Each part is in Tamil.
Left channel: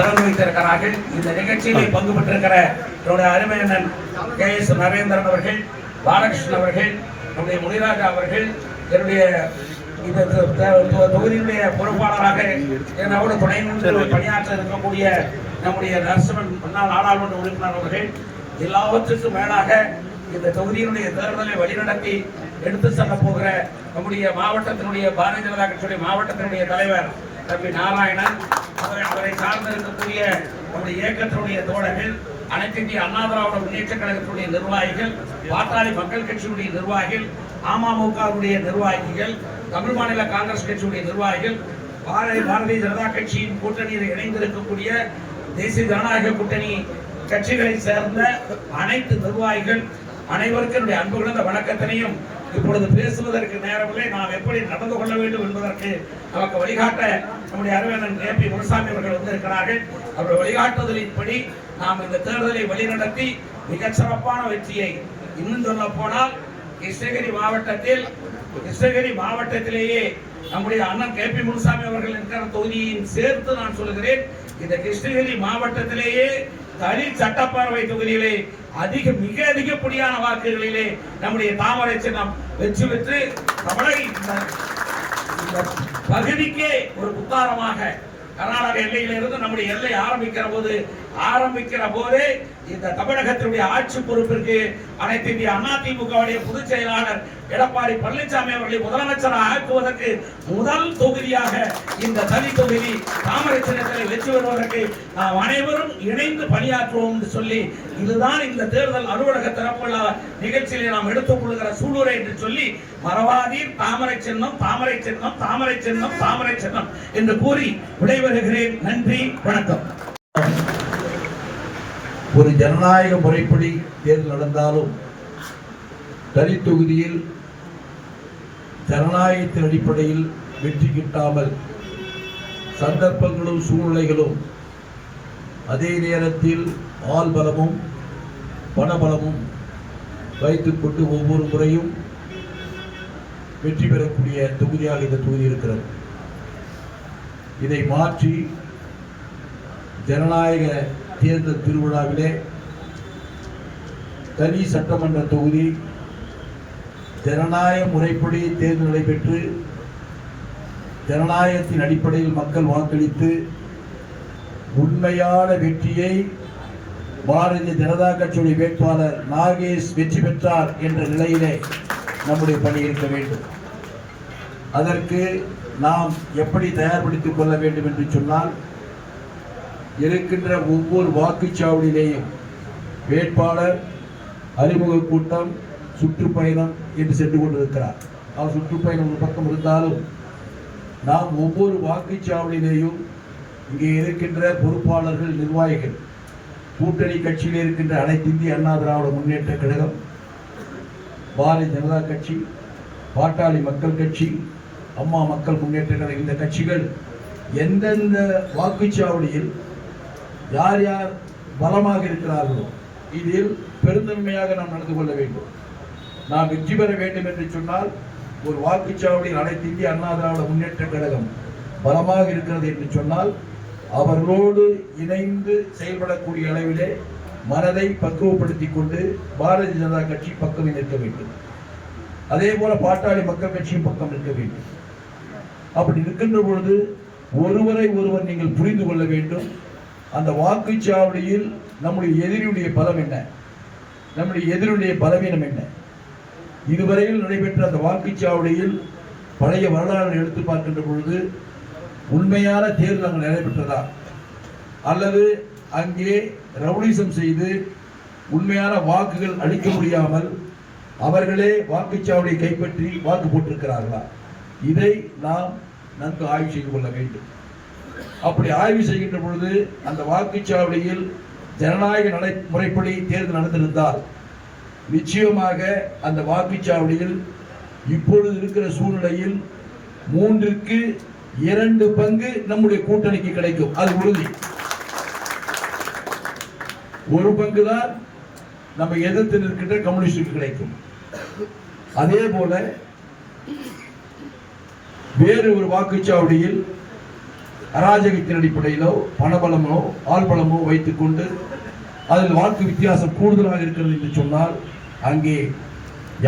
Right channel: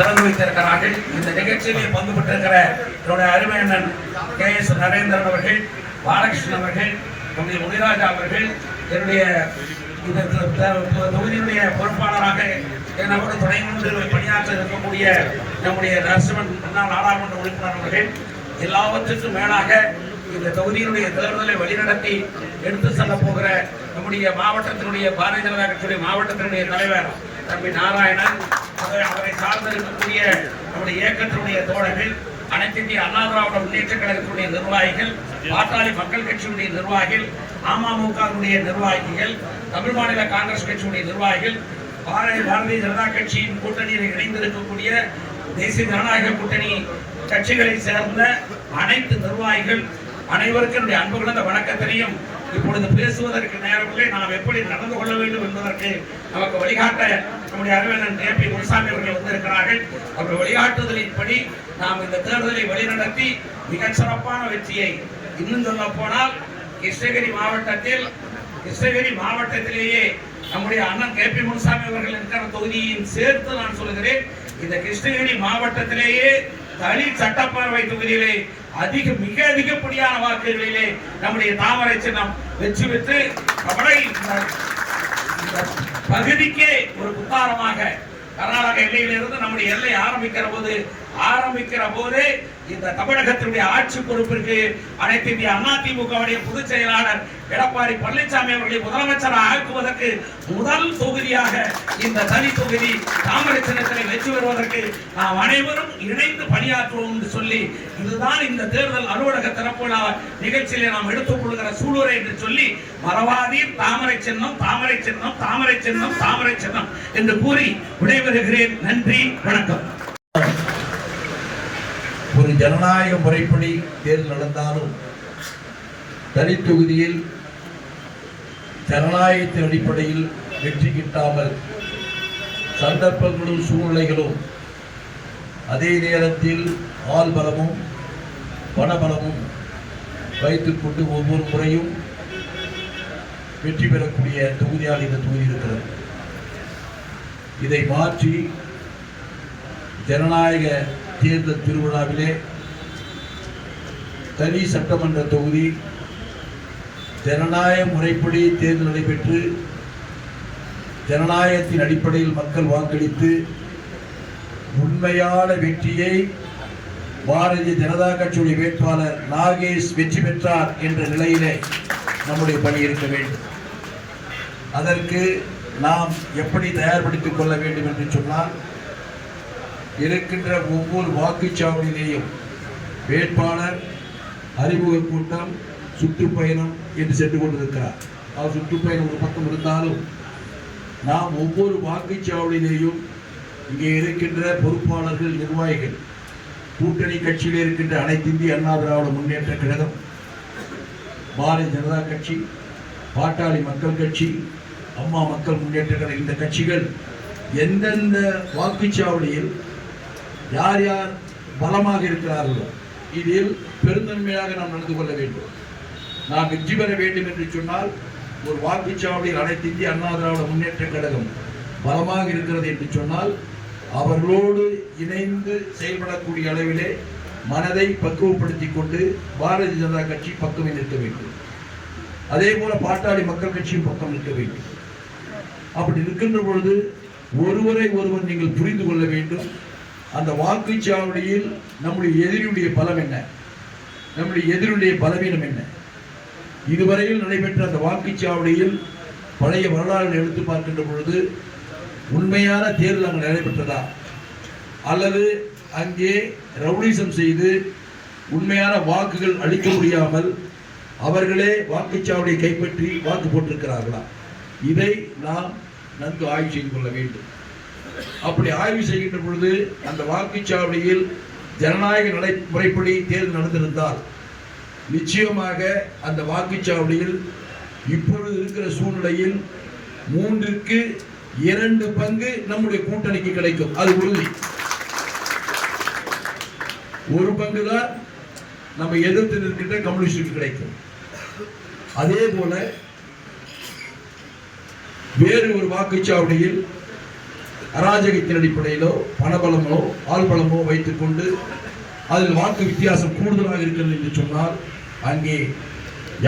திறந்து வைத்திருக்கிறார்கள். இந்த நிகழ்ச்சியிலே பங்கு பெற்றிருக்கிற என்னுடைய அருமையண்ணன் KS நரேந்திரன் அவர்கள், பாலகிருஷ்ணன் அவர்கள், நம்முடைய முனிராஜா அவர்கள், என்னுடைய இந்த தொகுதியினுடைய பொறுப்பாளராக என்னோடு துணை நின்று பணியாற்ற இருக்கக்கூடிய நம்முடைய நரசிம்மன் முன்னாள் நாடாளுமன்ற உறுப்பினர் அவர்கள், எல்லாவற்றுக்கும் மேலாக இந்த தொகுதியினுடைய தேர்தலை வழிநடத்தி எடுத்து செல்ல போகிற நம்முடைய மாவட்டத்தினுடைய பாரதிய ஜனதா கட்சியுடைய மாவட்டத்தினுடைய தலைவர் தம்பி நாராயணன், அவரை சார்ந்திருக்கக்கூடிய நம்முடைய இயக்கத்தினுடைய தோழர்கள், அனைத்து இந்திய அண்ணா திராவிட முன்னேற்ற கழகத்தினுடைய நிர்வாகிகள், பாட்டாளி மக்கள் கட்சியுடைய நிர்வாகிகள், அமமுகவுடைய நிர்வாகிகள், தமிழ் மாநில காங்கிரஸ் கட்சியுடைய நிர்வாகிகள், பாரதிய ஜனதா கட்சியின் கூட்டணியில் இணைந்திருக்கக்கூடிய தேசிய ஜனநாயக கூட்டணி கட்சிகளை சேர்ந்த அனைத்து நிர்வாகிகள் அனைவருக்கும் என்னுடைய அன்பு கலந்த வணக்கத்தினையும் இப்பொழுது பேசுவதற்கு நேரமில்லை. நாம் எப்படி நடந்து கொள்ள வேண்டும் என்பதற்கு நமக்கு வழிகாட்ட நம்முடைய அருமையண்ணன் KP முனுசாமி அவர்கள் வந்திருக்கிறார்கள். அவருடைய வழிகாட்டுதலின்படி நாம் இந்த தேர்தலை வழிநடத்தி மிகச் சிறப்பான வெற்றியை, இன்னும் சொல்ல போனால் கிருஷ்ணகிரி மாவட்டத்திலேயே நம்முடைய அண்ணன் KP முனுசாமி அவர்கள் இருக்கிற தொகுதியையும் சேர்த்து நான் சொல்கிறேன், இந்த கிருஷ்ணகிரி மாவட்டத்திலேயே தனி சட்டப்பேரவை தொகுதியிலே மிக அதிகப்படியான வாக்குகளிலே நம்முடைய தாமரை சின்னம் வெற்றி பெற்று பகுதிக்கே ஒரு புத்தாரமாக கர்நாடக எல்லையிலிருந்து நம்முடைய எல்லை ஆரம்பிக்கிற போதே இந்த தமிழகத்தினுடைய ஆட்சி பொறுப்பிற்கு அனைத்து இந்திய அதிமுகவுடைய பொதுச் செயலாளர் எடப்பாடி பழனிசாமி அவர்களை முதலமைச்சராக ஆக்குவதற்கு முதல் தொகுதியாக இந்த தனி தொகுதி தாமரை சின்னத்திலே வெற்றி பெறுவதற்கு நாம் அனைவரும் இணைந்து பணியாற்றுவோம் என்று சொல்லி, இதுதான் இந்த தேர்தல் அலுவலக திறப்பு விழா நிகழ்ச்சியிலே நாம் எடுத்துக் கொள்கிற சூளுரை என்று சொல்லி, மறவாதீர் தாமரை சின்னம், தாமரை சின்னம், தாமரை சின்னம், தாமரை சின்னம் என்று கூறி விடைபெறுகிறேன். நன்றி, வணக்கம். ஒரு ஜனநாயக முறைப்படி தேர்தல் நடந்தாலும் தனி தொகுதியில் ஜனநாயகத்தின் அடிப்படையில் வெற்றி கிட்டாமல் சந்தர்ப்பங்களும் சூழ்நிலைகளும், அதே நேரத்தில் ஆள் பலமும் பணபலமும் வைத்துக் கொண்டு ஒவ்வொரு முறையும் வெற்றி பெறக்கூடிய தொகுதியாக இந்த தொகுதி இருக்கிறது. இதை மாற்றி ஜனநாயக தேர்தல் திருவிழாவிலே தனி சட்டமன்ற தொகுதி ஜனநாயக முறைப்படி தேர்தல் நடைபெற்று ஜனநாயகத்தின் அடிப்படையில் மக்கள் வாக்களித்து உண்மையான வெற்றியை பாரதிய ஜனதா கட்சியுடைய வேட்பாளர் நாகேஷ் வெற்றி பெற்றார் என்ற நிலையிலே நம்முடைய பணி இருக்க வேண்டும். அதற்கு நாம் எப்படி தயார்படுத்திக் கொள்ள வேண்டும் என்று சொன்னால், இருக்கின்ற ஒவ்வொரு வாக்குச்சாவடியிலேயும் வேட்பாளர் அறிமுக கூட்டம், சுற்றுப்பயணம் என்று சென்று கொண்டிருக்கிறார். சுற்றுப்பயணம் ஒரு பக்கம் இருந்தாலும் நாம் ஒவ்வொரு வாக்குச்சாவடியிலேயும் இங்கே இருக்கின்ற பொறுப்பாளர்கள், நிர்வாகிகள், கூட்டணி கட்சியில் இருக்கின்ற அனைத்து இந்திய அண்ணா திராவிட முன்னேற்ற கழகம், பாரதிய ஜனதா கட்சி, பாட்டாளி மக்கள் கட்சி, அம்மா மக்கள் முன்னேற்ற கழகம், இந்த கட்சிகள் எந்தெந்த வாக்குச்சாவடியில் யார் யார் பலமாக இருக்கிறார்களோ இதில் பெருந்தன்மையாக நாம் நடந்து கொள்ள வேண்டும். நாம் வெற்றி பெற வேண்டும் என்று சொன்னால், ஒரு வாக்குச்சாவடியில் அனைத்து இந்திய அண்ணா திராவிட முன்னேற்ற கழகம் பலமாக இருக்கிறது என்று சொன்னால், அவர்களோடு இணைந்து செயல்படக்கூடிய அளவிலே மனதை பக்குவப்படுத்திக் கொண்டு பாரதிய ஜனதா கட்சி பக்கம் நிற்க வேண்டும். அதே போல பாட்டாளி மக்கள் கட்சியும் பக்கம் நிற்க வேண்டும். அப்படி இருக்கின்ற பொழுது ஒருவரை ஒருவர் நீங்கள் புரிந்து கொள்ள வேண்டும். அந்த வாக்குச்சாவடியில் நம்முடைய எதிரியுடைய பலம் என்ன, நம்முடைய எதிரியுடைய பலவீனம் என்ன, இதுவரையில் நடைபெற்ற அந்த வாக்குச்சாவடியில் பழைய வரலாறு எடுத்து பார்க்கின்ற பொழுது உண்மையான தேர்தல் அங்கு நடைபெற்றதா, அல்லது அங்கே ரவுடிசம் செய்து உண்மையான வாக்குகள் அளிக்க முடியாமல் அவர்களே வாக்குச்சாவடியை கைப்பற்றி வாக்கு போட்டிருக்கிறார்களா, இதை நாம் நன்கு ஆய்வு செய்து கொள்ள வேண்டும். அப்படி ஆய்வு செய்கின்ற பொழுது அந்த வாக்குச்சாவடியில் ஜனநாயக முறைப்படி தேர்தல் நடந்திருந்தால் நிச்சயமாக அந்த வாக்குச்சாவடியில் இப்பொழுது இருக்கிற சூழ்நிலையில் 3/2 பங்கு நம்முடைய கூட்டணிக்கு கிடைக்கும். அது உறுதி. 1 பங்கு தான் நம்ம எதிர்த்து நிற்கின்ற கம்யூனிஸ்டுக்கு கிடைக்கும். அதே போல வேறு ஒரு வாக்குச்சாவடியில் அராஜகத்தின் அடிப்படையிலோ பணபலமோ ஆள்பலமோ வைத்துக் கொண்டு அதில் வாக்கு வித்தியாசம் கூடுதலாக இருக்கிறது என்று சொன்னால் அங்கே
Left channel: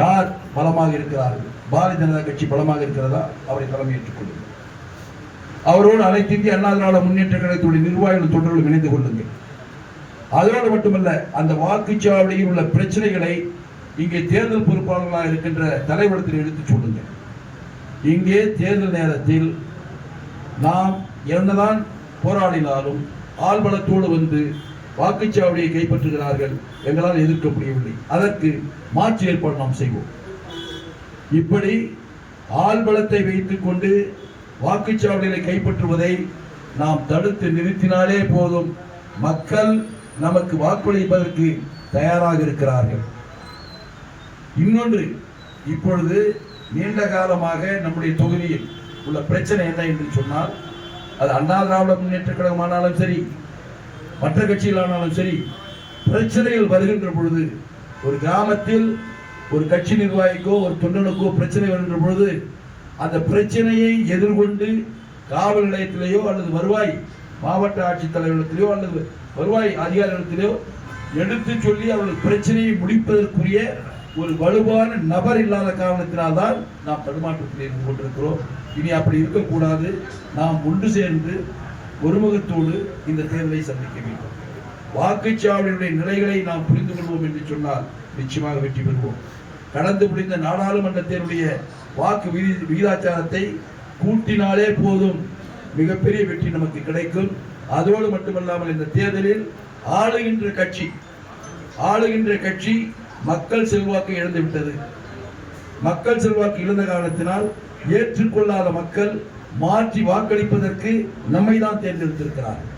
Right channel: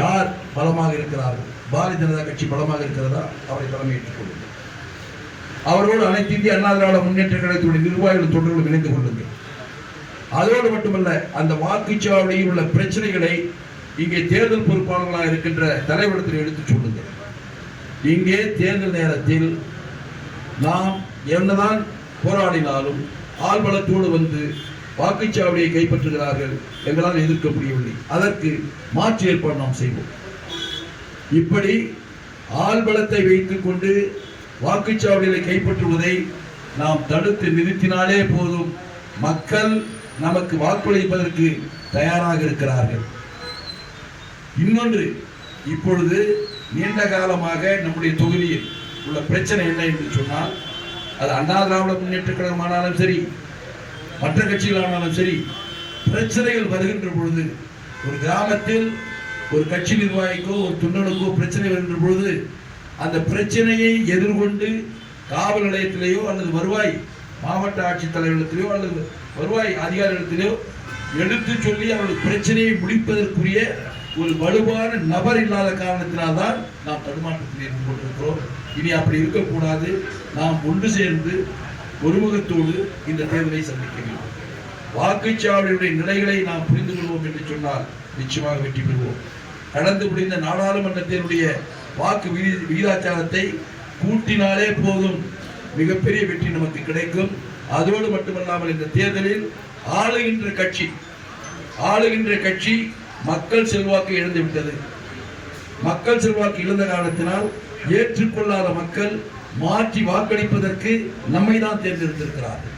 யார் பலமாக இருக்கிறார்கள்? பாரதிய ஜனதா கட்சி பலமாக இருக்கிறதா? அவரை தலைமையேற்றுக் கொள்ளுங்கள். அவரோடு அனைத்து இந்திய அண்ணா திராவிட முன்னேற்ற கழகத்துடைய நிர்வாகிகள் தொண்டர்களும் இணைந்து கொள்ளுங்கள். அதோடு மட்டுமல்ல, அந்த வாக்குச்சாவடியில் உள்ள பிரச்சனைகளை இங்கே தேர்தல் பொறுப்பாளர்களாக இருக்கின்ற தலைவரிடத்தில் எடுத்துச் சொல்லுங்கள். இங்கே தேர்தல் நேரத்தில் நாம் என்னதான் போராடினாலும் ஆள்பலத்தோடு வந்து வாக்குச்சாவடியை கைப்பற்றுகிறார்கள், எங்களால் எதிர்க்க முடியவில்லை. அதற்கு மாற்று ஏற்பாடு நாம் செய்வோம். இப்படி ஆள்பலத்தை வைத்துக் கொண்டு வாக்குச்சாவடிகளை கைப்பற்றுவதை நாம் தடுத்து நிறுத்தினாலே போதும், மக்கள் நமக்கு வாக்களிப்பதற்கு தயாராக இருக்கிறார்கள். இன்னொன்று, இப்பொழுது நீண்ட காலமாக நம்முடைய தொகுதியில் உள்ள பிரச்சனை என்ன என்று சொன்னால், அது அண்ணா திராவிட முன்னேற்ற கழகமானாலும் சரி, மற்ற கட்சிகளானாலும் சரி, பிரச்சனைகள் வருகின்ற பொழுது ஒரு கிராமத்தில் ஒரு கட்சி நிர்வாகிக்கோ ஒரு தொண்டனுக்கோ பிரச்சனை வருகின்ற பொழுது அந்த பிரச்சனையை எதிர்கொண்டு காவல் நிலையத்திலேயோ அல்லது வருவாய் மாவட்ட ஆட்சித்தலைவரிடத்திலேயோ அல்லது வருவாய் அதிகாரிகளிடத்திலேயோ எடுத்து சொல்லி அவர்கள் பிரச்சனையை முடிப்பதற்குரிய ஒரு வலுவான நபர் இல்லாத காரணத்தினால்தான் நாம் தடுமாற்றத்தில் இருந்து கொண்டிருக்கிறோம். இனி அப்படி இருக்கக்கூடாது. நாம் ஒன்று சேர்ந்து ஒருமுகத்தோடு இந்த தேர்தலை சந்திக்க வேண்டும். வாக்குச்சாவடியுடைய நிலைகளை நாம் புரிந்து கொள்வோம் என்று சொன்னால் நிச்சயமாக வெற்றி பெறுவோம். கடந்து முடிந்த நாடாளுமன்றத்தினுடைய வாக்கு விகிதாச்சாரத்தை கூட்டினாலே போதும், மிகப்பெரிய வெற்றி நமக்கு கிடைக்கும். அதோடு மட்டுமல்லாமல் இந்த தேர்தலில் ஆளுகின்ற கட்சி மக்கள் செல்வாக்கு இழந்துவிட்டது. மக்கள் செல்வாக்கு இழந்த காரணத்தினால் ஏற்றுக்கொள்ளாத மக்கள் மாற்றி வாக்களிப்பதற்கு நம்மை தான் தேர்ந்தெடுத்திருக்கிறார்கள்.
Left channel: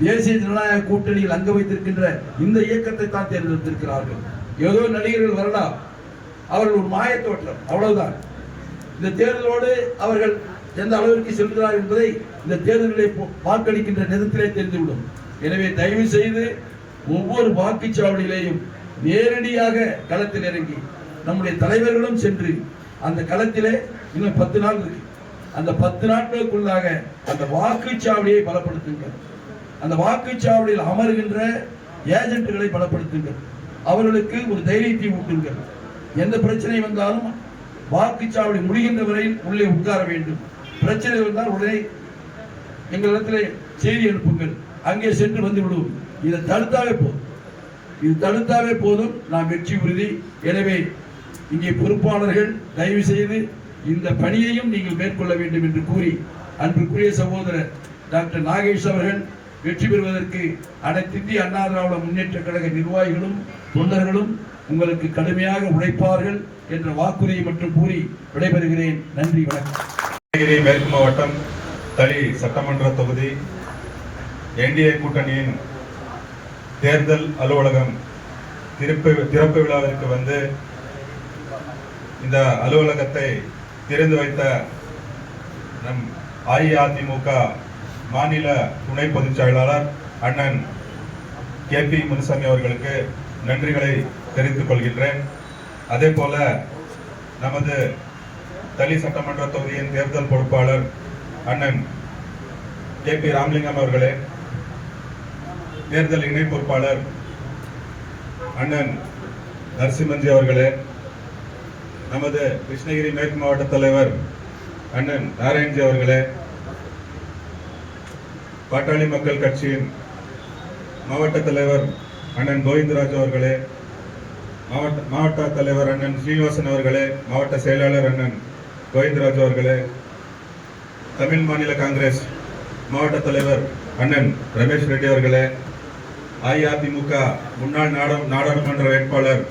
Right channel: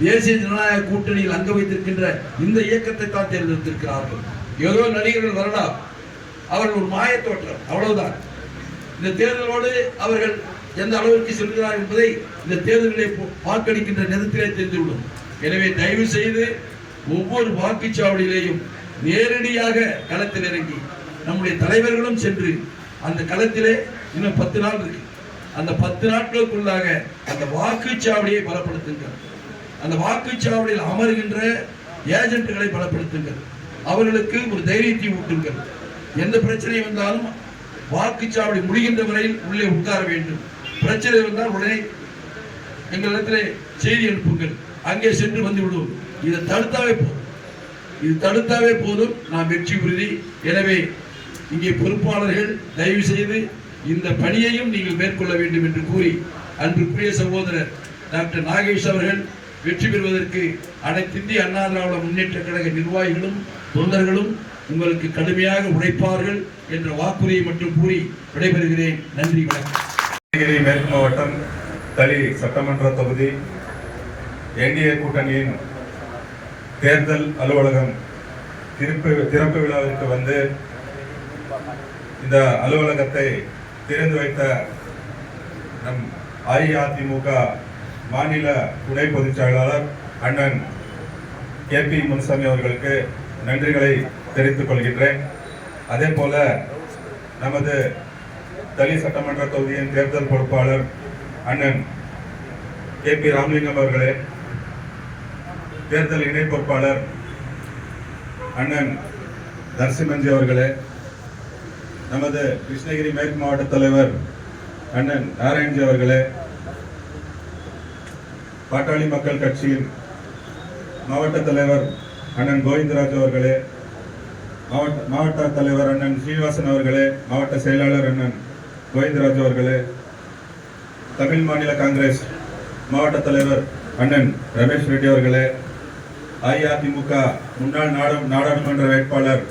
தேசிய ஜனநாயக கூட்டணியில் அங்க வைத்திருக்கின்ற இந்த இயக்கத்தை தான் தேர்ந்தெடுத்திருக்கிறார்கள். ஏதோ நடிகர்கள் வரலாம், அவர்கள் ஒரு மாயத்தோற்றம், அவ்வளவுதான். இந்த தேர்தலோடு அவர்கள் எந்த அளவிற்கு செல்கிறார் என்பதை இந்த தேர்தலிலே வாக்களிக்கின்ற நேரத்திலே தெரிந்துவிடும். எனவே தயவு செய்து ஒவ்வொரு வாக்குச்சாவடியிலேயும் நேரடியாக களத்தில் இறங்கி நம்முடைய தலைவர்களும் சென்று அந்த களத்திலே இன்னும் 10 நாள் இருக்கு, அந்த 10 நாட்களுக்குள்ளாக அந்த வாக்குச்சாவடியை பலப்படுத்துங்கள். அந்த வாக்குச்சாவடியில் அமர்கின்ற ஏஜென்ட்களை பலப்படுத்துங்கள். அவர்களுக்கு ஒரு தைரியத்தை ஊட்டுங்கள். எந்த பிரச்சனை வந்தாலும் வாக்குச்சாவடி முடிகின்ற வரையில் உள்ளே உட்கார வேண்டும். பிரச்சனை வந்தால் உடனே எங்களிடத்திலே செய்தி அனுப்புங்கள், அங்கே சென்று வந்து விடுவோம். இதை தடுத்தாவே போதும், நாம் வெற்றி உறுதி. எனவே இங்கே பொறுப்பாளர்கள் தயவு செய்து இந்த பணியையும் நீங்கள் மேற்கொள்ள வேண்டும் என்று கூறி, அன்புக்குரிய சகோதரர் டாக்டர் நாகேஷ் அவர்கள் வெற்றி பெறுவதற்கு அனைத்து இந்திய அண்ணா திராவிட முன்னேற்ற கழக நிர்வாகிகளும் தொண்டர்களும் உங்களுக்கு கடுமையாக உழைப்பார்கள் என்ற வாக்குறுதியை மட்டும் கூறி விடைபெறுகிறேன். நன்றி, வணக்கம். கிருஷ்ணகிரி மேற்கு மாவட்டம் தளி சட்டமன்ற தொகுதி என்டிஏ கூட்டணியின் தேர்தல் அலுவலகம் திறப்பு விழாவிற்கு வந்து இந்த அலுவலகத்தை திறந்து வைத்த நம் அஇஅதிமுக மாநில துணை பொதுச் செயலாளர் அண்ணன் KP முனுசாமி அவர்களுக்கு நன்றிகளை தெரிவித்துக் கொள்கின்றேன். அதே போல நமது தளி சட்டமன்ற தொகுதியின் தேர்தல் பொறுப்பாளர் அண்ணன் KP ராமலிங்கம் அவர்களே, தேர்தல் இணை பொறுப்பாளர் அண்ணன் நரசிம்மன்ஜி அவர்களே, நமது கிருஷ்ணகிரி மேற்கு மாவட்ட தலைவர் அண்ணன் நாராயண்ஜி அவர்களே, பாட்டாளி மக்கள் கட்சியின் மாவட்ட தலைவர் அண்ணன் கோவிந்தராஜ் அவர்களே, மாவட்ட தலைவர் அண்ணன் ஸ்ரீனிவாசன் அவர்களே, மாவட்ட செயலாளர் அண்ணன் கோவிந்தராஜ் அவர்களே, தமிழ் மாநில காங்கிரஸ் மாவட்ட தலைவர் அண்ணன் ரமேஷ் ரெட்டி அவர்களே, அஇஅதிமுக முன்னாள் நாடாளுமன்ற வேட்பாளர்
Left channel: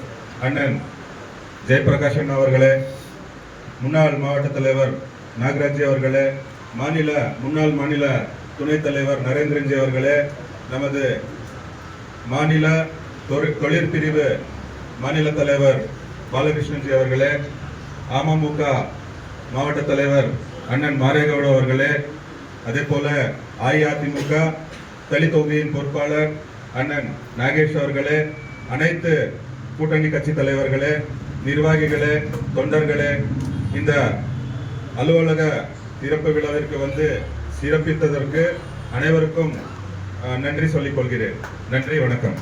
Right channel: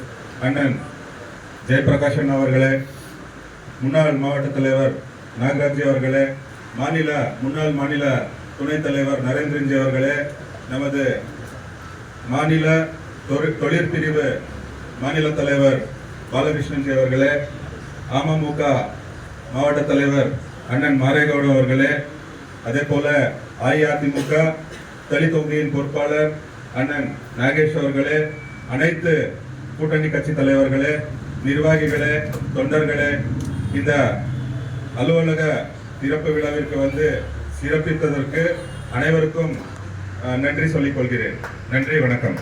அண்ணன் ஜெயபிரகாஷன் அவர்களே, முன்னாள் மாவட்ட தலைவர் நாகராஜ் அவர்களே, முன்னாள் மாநில துணைத் தலைவர் நரேந்திரன்ஜி அவர்களே, நமது மாநில தொழிற்பிரிவு மாநில தலைவர் பாலகிருஷ்ணன்ஜி அவர்களே, அமமுக மாவட்ட தலைவர் அண்ணன் மாரேகவுட அவர்களே, அதே போல அஇஅதிமுக தளி தொகுதியின் பொறுப்பாளர் அண்ணன் நாகேஷ் அவர்களே, அனைத்து கூட்டணி கட்சி தலைவர்களே, நிர்வாகிகளே, தொண்டர்களே, இந்த அலுவலக திறப்பு விழாவிற்கு வந்து சிறப்பித்ததற்கு அனைவருக்கும் நன்றி சொல்லிக் கொள்கிறேன். நன்றி, வணக்கம்.